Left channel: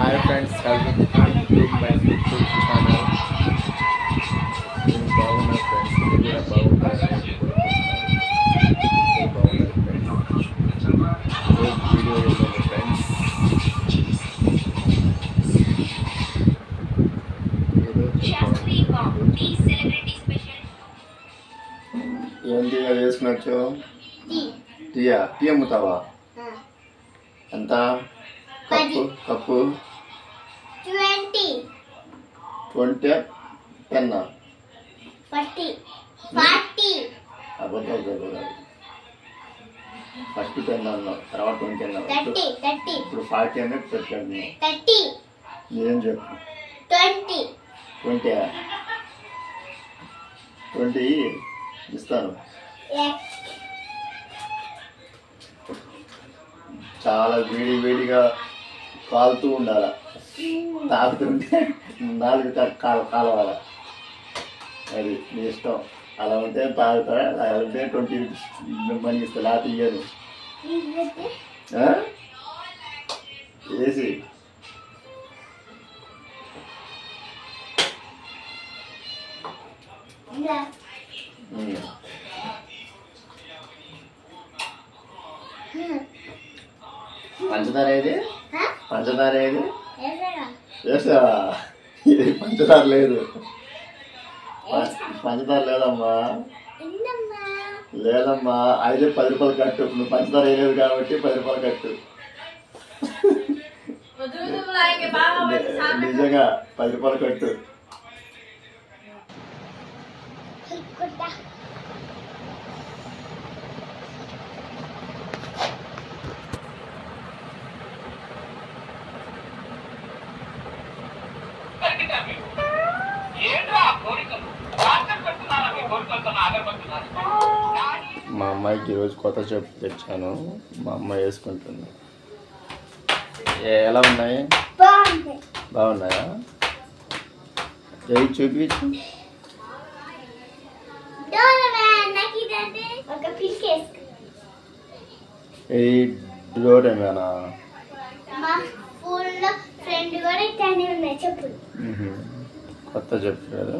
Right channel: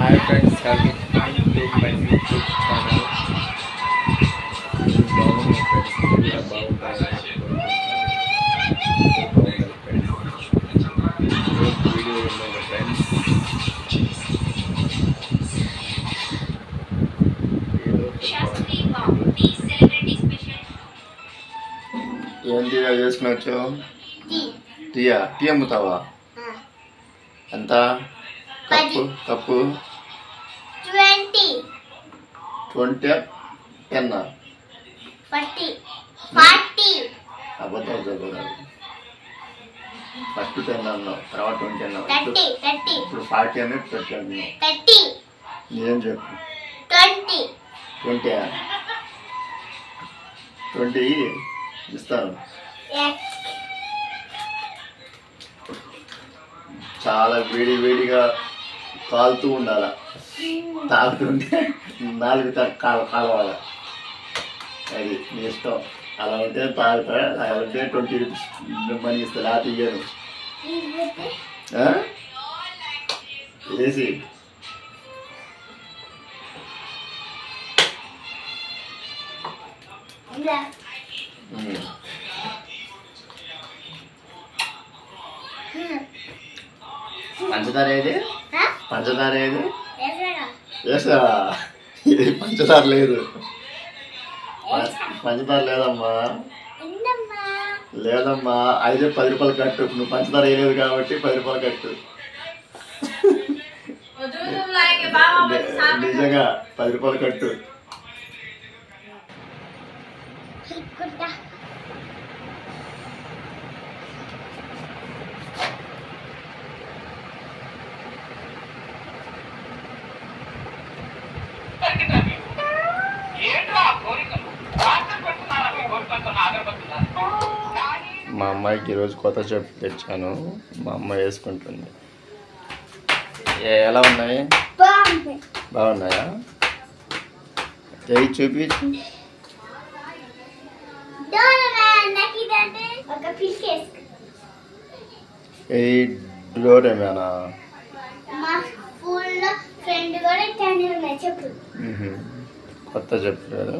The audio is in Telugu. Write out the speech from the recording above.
Hi friends, welcome to my YouTube channel. This బాగున్న ఫ్రెండ్స్ మీరు కూడా బాగుండాలని కోరుకుంటున్నాను. ఫ్రెండ్స్ ఈరోజు వీడియో ఏంటంటే ఫ్రెండ్స్ ఏంటి చేసుకున్నచ్చు టీ అమ్ముతావా? ఎంత కప్పు 20 10 40 అబద్ధాలు చదవాలి. ఫస్ట్ 10 అన్నావు, తర్వాత 20 అన్నావు, 30 ఇప్పుడు 40 అనే 30 అన్నావు. 30 నిజం చెప్పు. 20 20 ఇస్తాను. చాలా వేడిగా కాలుతూ ఉండాల, తాగుతుంటే నాలుగు కాలవాలి. అది నీ ఇష్టం. అలా ఉంటే తాగుతా, అలా ఉంటే 20 రూపీస్ మనీ ఇస్తా, లేకపోతే ఇయ్యను. వేసి పంచదార ఏది? పంచదార ఏది? వేసావా? ఇది పంచదార లేదు, పంచదార లేదమ్మా, లేదమ్మా. అయితే 10 రూపాయలు కట్టు. నువ్వు పంచదార వేయలేదు కాబట్టి 10 రూపాయలు కట్టు. నిజంగా 10 రూపాయలు కట్టు. మా అమ్మాయికి ఈరోజు కొత్త చెప్పు తెచ్చాను. మా అమ్మాయి వేసుకుంటుంది. ఎలా ఉన్నాయి? బాగున్నాయా? చూపించు. డోరేమేనా? కొత్త చెప్పు కదా.